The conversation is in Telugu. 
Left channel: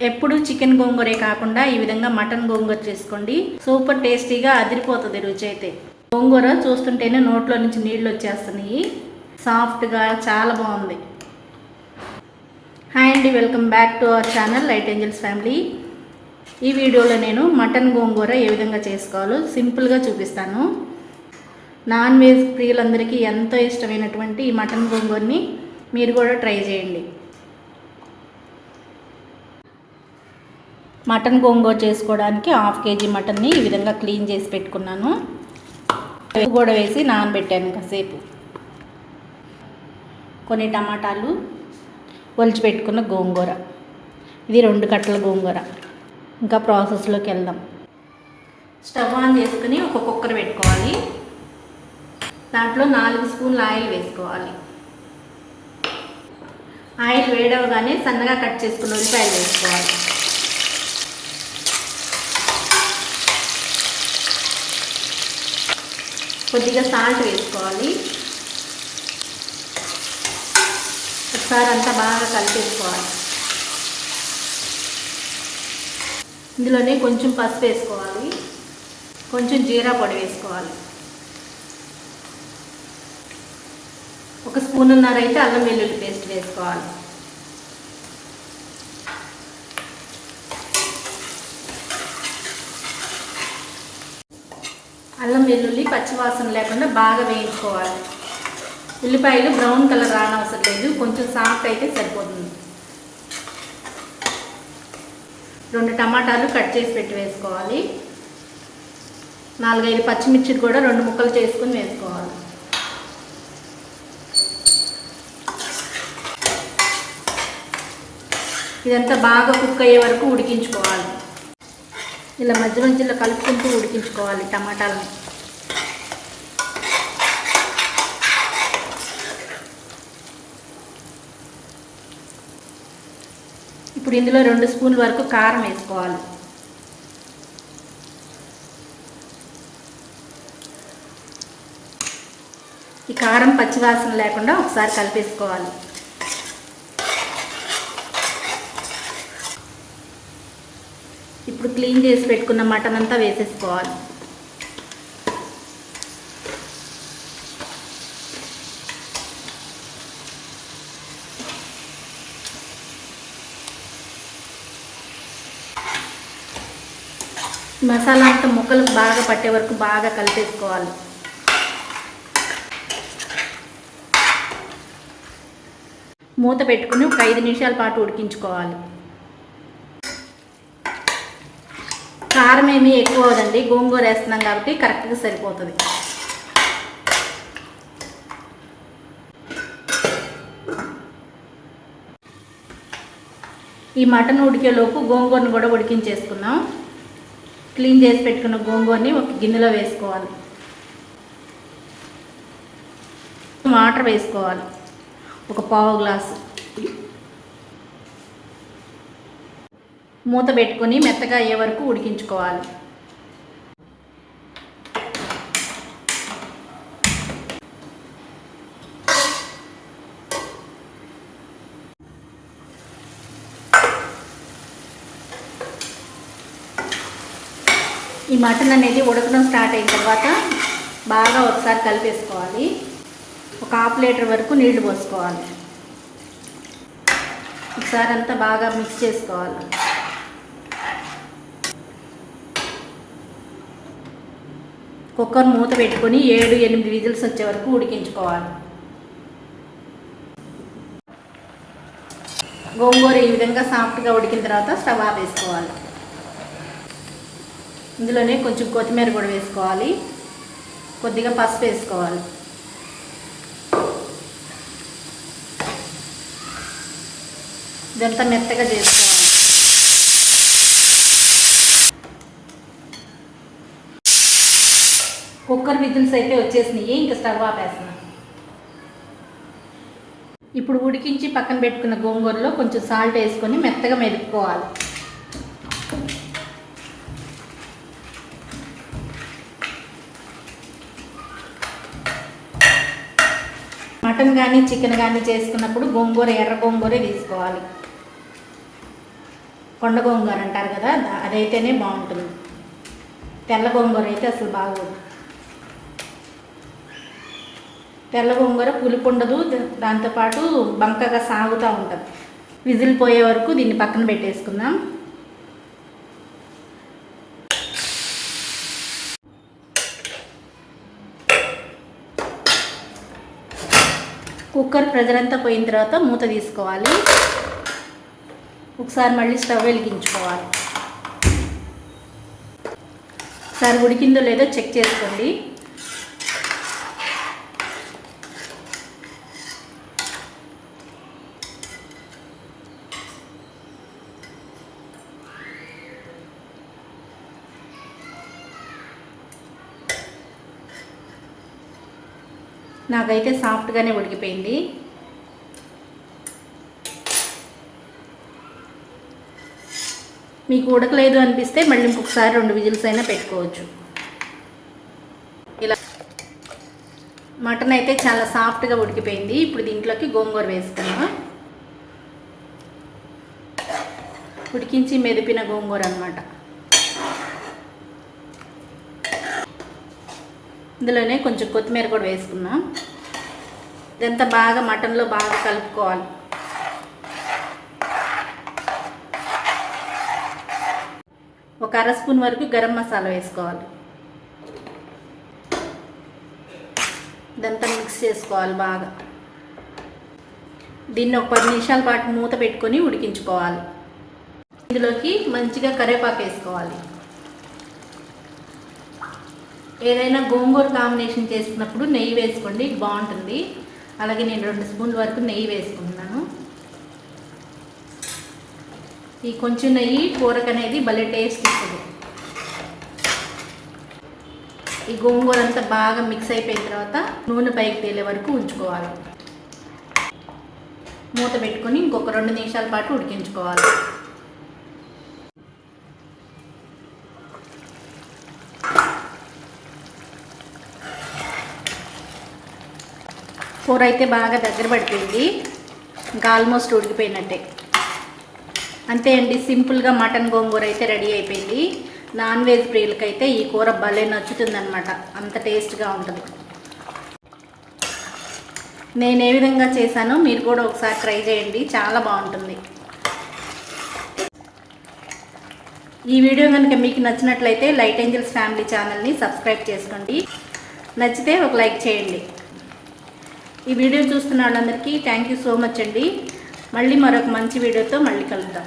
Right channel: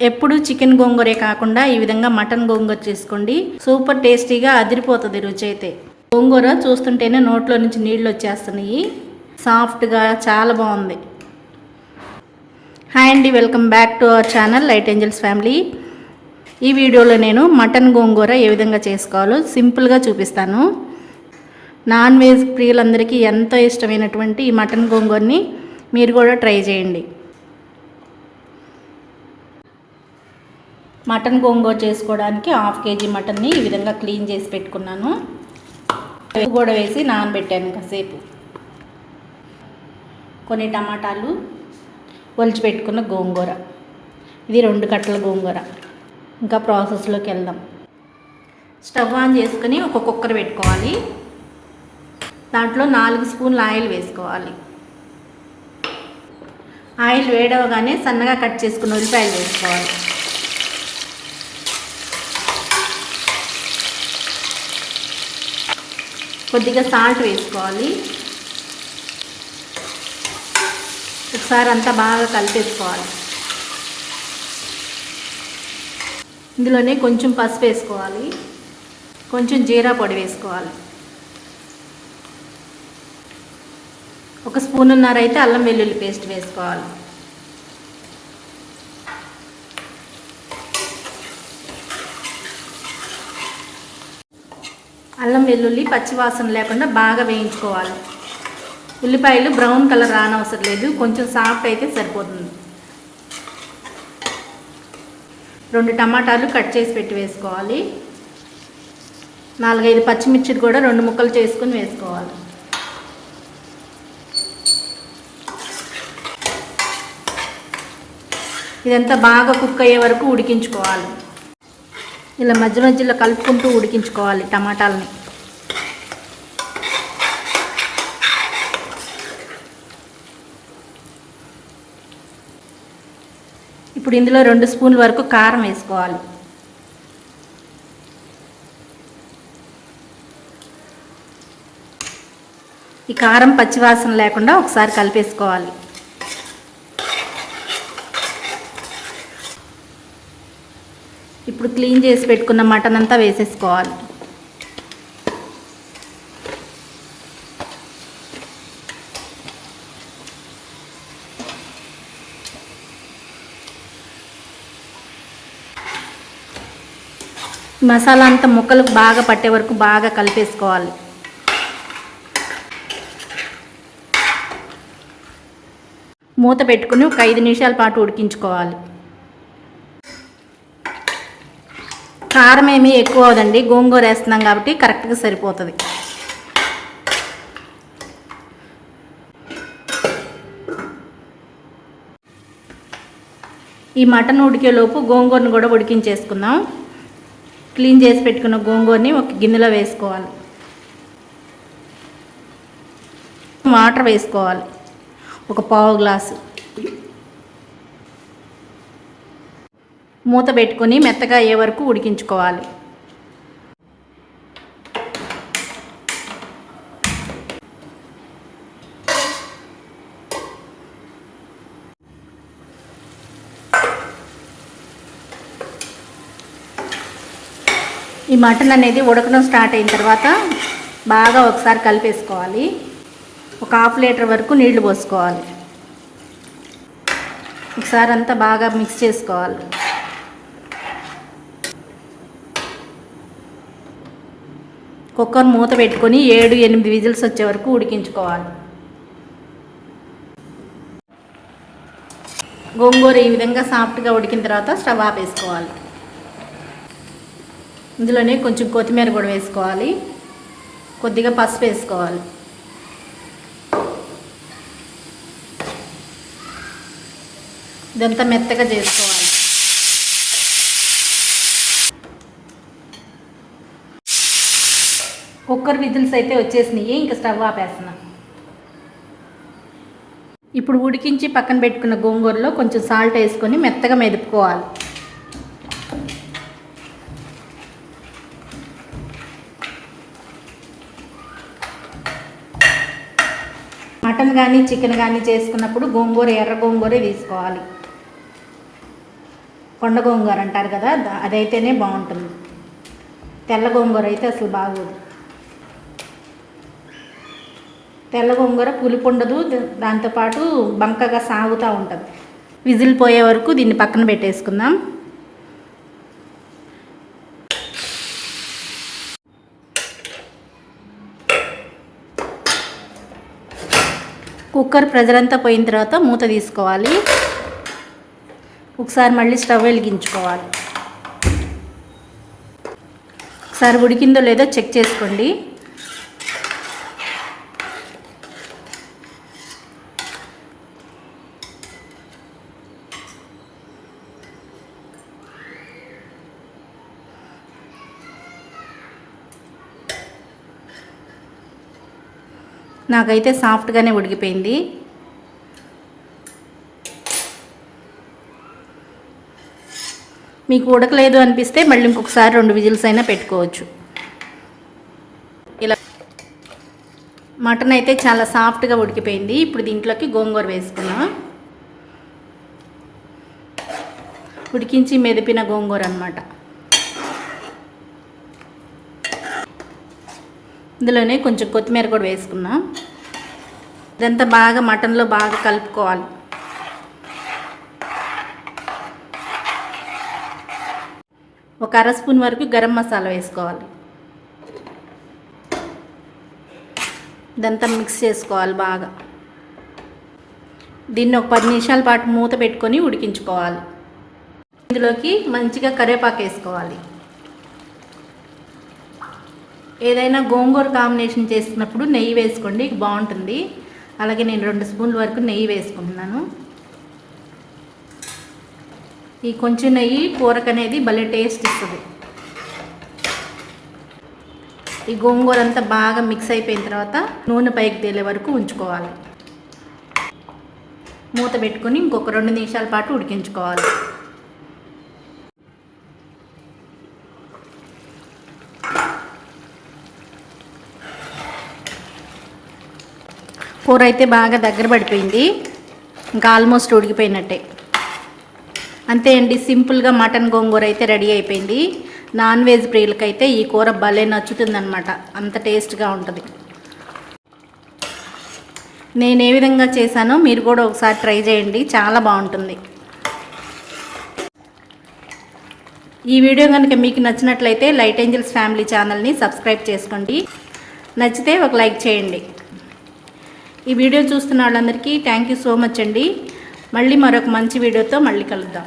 ఎప్పుడు చికెన్ గోంగూరే కాకుండా ఈ విధంగా మటన్ గోంగూర చేసుకోండి. సూపర్ టేస్టీగా అదిరిపోతుంది రుచి అయితే. గోంగూర చూస్తుంటేనే నోట్లో నుంచి నీళ్ళు వచ్చేస్తున్నాయి. సాఫ్ట్గా చాలా బాగుంది. హాయ్ అండి, welcome back to our channel light angels family. ఈ వీడియోలో నేను మటన్ గోంగూర ఏ విధంగా చేసుకోవాలో సింపుల్గా చూపిస్తాను. నాన్ వెజ్ ప్రియులందరికీ ఎంతో ఇష్టమైనటువంటి ఈ మటన్ గోంగూరని మీరు కూడా ట్రై చేయండి. మటన్ గోంగూర చేసుకోవడానికి 1/2 kg మటన్ని ఈ విధంగా క్లీన్ చేసి పెట్టుకున్నాను. కూడా వేసి నానబెట్టాను కాసేపు. కొన్ని టమాటాలు, ఒలిచి పెట్టుకున్న గోంగూర, ఇది 2 కట్టల గోంగూర. ఇంకా ప్రాసెస్లోకి వెళ్దాం. స్టవ్ ఆన్ చేసుకుని ఒక కుక్కర్ పెట్టుకోవాలి. దాంట్లో 4 స్పూన్ల ఆయిల్ వేసుకోవాలి. ఆయిల్ వేడవగానే సన్నగా కట్ చేసుకున్న ఉల్లిపాయలు వేసుకోవాలి. కొద్దిగా సాల్ట్ వేసుకోవాలి. ఒకసారి అంతా బాగా కలిపేసుకోవాలి. ఇందులోనే కొంచెం పసుపు వేసుకోవాలి, కొంచెం జీరా పొడి వేసుకోవాలి. 1 స్పూన్నర అయితే అల్లం వెల్లుల్లి పేస్ట్ వేసుకోవాలి. అల్లం వెల్లుల్లి పచ్చివాసన లేకుండా బాగా వేయించుకోవాలి. ఉల్లిపాయలు బ్రౌన్ కలర్ రానవసరం లేదు, కొంచెం సాఫ్ట్ అయితే సరిపోతుంది. 2 టమాటాలు కట్ చేసి పెట్టి వేసుకోవాలి. 4-5 పచ్చిమిర్చి కూడా 2 ముక్కలు చేసుకుని వేసుకోవాలి. ఇదంతా బాగా కుక్ అయ్యే వరకు ఉడికించుకోవాలి. ఇలా మధ్య మధ్యలో కలుపుకుంటూ ఉడికించుకోవాలి టమాటాలని. ఇప్పుడు ఇందులో 2 స్పూన్ల వరకు కారం వేసుకోవాలి. ఈ కారం పచ్చివాసన లేకుండా ఒకసారి కలిపేసుకోవాలి. ఇప్పుడు క్లీన్ చేసి పెట్టుకున్న మటన్ అంతా వేసేసుకోవాలి. మసాలా అంతా ముక్కలకు బాగా పట్టే వరకు బాగా కలిపేసుకోవాలి. మూత పెట్టుకుని ఒక 5 నిమిషాల పాటు ఉడికించుకోవాలి. కారం ఏమీ ఎక్కువ అవదండి, గోంగూర వేస్తున్నాం కాబట్టి కరెక్ట్గా సరిపోతుంది. ఈ మటన్ ఉడికేలోపు గోంగూరని కూడా ఉడికించేసుకుందాం. క్లీన్ చేసి పెట్టుకున్న గోంగూరని ఒక గిన్నెలో వేసుకోవాలి. వాటర్ వేసుకోవాలి, ఒక 1/2 గ్లాసు. మూత పెట్టుకొని మెత్తగా అయ్యే వరకు ఉడికించుకోవాలి. ఈ మటన్ అనేది ఉడకడం స్టార్ట్ అయిన తర్వాత బాగా ఒకసారి కలిపేసుకోవాలి. ఒక 1/2 లీటర్ వరకు నీళ్లు పోసుకోవాలి. ఒకసారి అంతా బాగా మిక్స్ చేసుకోవాలి. కుక్కర్ మూత పెట్టుకొని 7-8 విజిల్స్ వచ్చే వరకు ఉడికించుకోవాలి. గోంగూర ఈ విధంగా సాఫ్ట్గా ఉడికిన తర్వాత స్టవ్ ఆపేసుకోవాలి. ఇందులోనే కొంచెం కొత్తిమీర కూడా వేసుకోవాలి, కొద్దిగా పసుపు వేసుకోవాలి. ఇదంతా మెత్తగా చేసుకోవాలి. కుక్కర్ విజిల్స్ అయితే వచ్చేసినాయి, ఇంకా స్టవ్ ఆపేస్తున్నాను. ఇప్పుడు ఉడికించి పక్కన పెట్టుకున్న గోంగూరలో కొంచెం సాల్ట్ వేసుకొని మెత్తగా మెదుపుకోవాలి. మటన్ కానీ చికెన్ కానీ చేసుకున్నప్పుడు గోంగూర ఎర్ర గోంగూరే తీసుకోవాలి. కొండ గోంగూర అంటారు కదా, అదైతేనే బాగుంటుంది. తెల్ల గోంగూర అయితే అసలు బాగోదు. తెల్ల గోంగూర పులుపు ఉండదు, దాంతోపాటు బంకగా సాగుతూ ఉంటుంది. విజిల్ పోయే వరకు దీన్ని పక్కన పెట్టేసుకుందాం. కుక్కర్ ప్రెజర్ అంతా పోయిన తర్వాత మూత తీసుకోవాలి. ఒకసారి మళ్ళీ స్టవ్ వెలిగించుకోవాలి. ఒకసారి ఉడికిందో లేదో చెక్ చేసుకోండి. నాకైతే సాఫ్ట్గానే ఉడికిపోయింది. మీకు ఉడకలేదు అనిపిస్తే మళ్ళీ ఇంకొకసారి 2 విజిల్స్ అయినా పెట్టుకోవచ్చు. ఇలా మటన్ అయితే చాలా సాఫ్ట్గా ఉడికిపోయింది. ఇప్పుడు దీంట్లోకి గోంగూర వేసుకున్నాం. ఉడికించి మెదిపిన గోంగూర అన్నమాట. ఇందులోనే కొంచెం కొత్తిమీర కూడా వేసుకున్నాం. ఇదంతా బాగా మటన్లో బాగా కలుపుకోవాలి. ఒక 1/2 స్పూన్ వరకు గరం మసాలా వేసుకోవాలి. ఇదంతా మిక్స్ చేసుకోవాలి బాగా. దీన్ని ఒక 10 నిమిషాల పాటు మూత పెట్టుకొని ఉడికించుకోవాలి. ఇందులోకి మంచిగా కరివేపాకు వేసుకోవాలి. ఏదైనా గోంగూర కాంబినేషన్ చేసినప్పుడు నెయ్యి వేసుకోండి, బాగుంటుంది. అలాగే నేను 2 స్పూన్ల వరకు నెయ్యి వేసుకుంటున్నాను. ఈ కొంచెం నెయ్యి కూరకు అనేది భలే టేస్ట్ ఇస్తుంది. ఈ గోంగూర అంతా బాగా మిక్స్ అయిపోయిన తర్వాత నూనె పైకి తేలే వరకు ఉంచుకోవాలి. మూత పెట్టుకొని ఇంకొక 2 నిమిషాల పాటు ఉడికించుకోవాలి. కూర అయితే బాగా దగ్గర పడిపోయింది. ఇంకా ఆల్మోస్ట్ ఉడికిపోయినట్టే. అంతే అండి, సింపుల్గా మటన్ గోంగూర అయితే రెడీ అయిపోయింది. నాన్ వెజ్ ప్రియులకైతే ఈ కూర భలే నచ్చుతుందన్నమాట, అంత టేస్ట్గా ఉంటుంది. నేను ఏ విధంగా చేశానో మీరు కూడా ఒకసారి ట్రై చేయండి, చాలా బాగుంటుంది. ఈ వీడియో కనుక మీకు నచ్చినట్లయితే లైట్ ఏంజల్స్ ఫ్యామిలీ ఛానల్ని సబ్స్క్రైబ్ చేసుకోండి. నచ్చితే ఒక లైక్ చేయండి. ఈ వీడియో చూస్తున్న వాళ్ళందరికీ థ్యాంక్ యూ సో మచ్ అండి. మళ్ళీ మరొక మంచి వీడియోతో మళ్ళీ కలుద్దాం.